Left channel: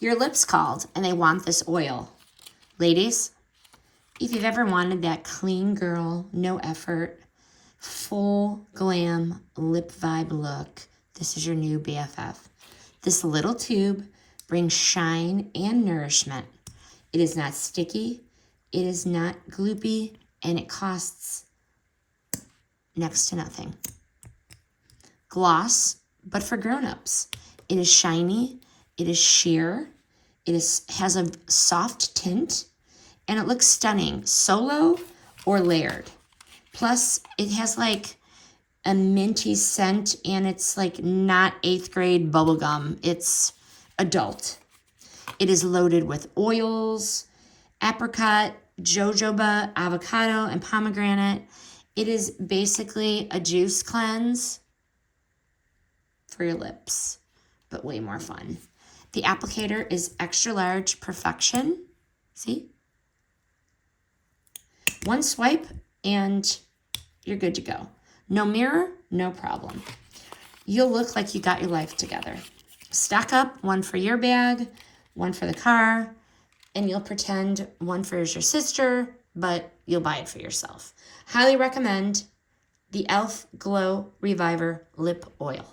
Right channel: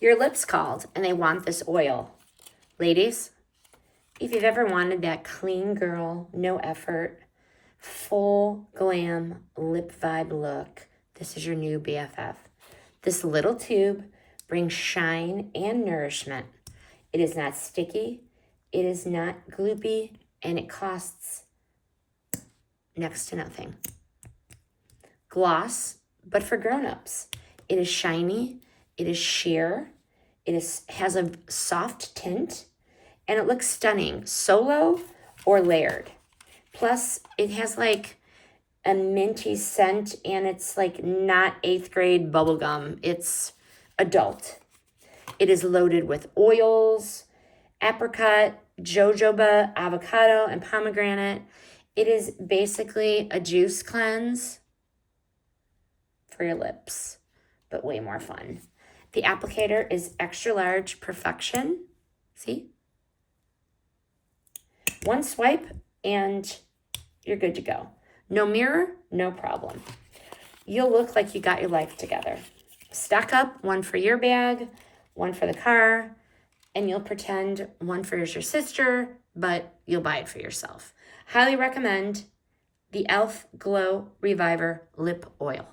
Your lips called and they want this oil. Ladies, if you've ever wanted that clean girl, no effort, full glam lip vibe look, this is your new BFF. This little tube brings shine and nourishment. It is not sticky, it is not gloopy, and it costs next to nothing. Gloss, but for grown-ups. It is shiny, it is sheer, has a soft tint, and it looks stunning, solo or layered. Plus, it has like a minty scent, and it's like not 8th grade bubblegum. It's adult. It is loaded with oils, apricot, jojoba, avocado, and pomegranate. It is basically a juice cleanse for your lips, but way more fun. The applicator is extra large perfection. See? One swipe and you're good to go. No mirror, no problem. You'll look like you got your life together. Stack up one for your bag, one for the car, and you'll pretend one for your sister, but you'll buy it for yourself. Highly recommend the e.l.f. Glow Reviver Lip Oil.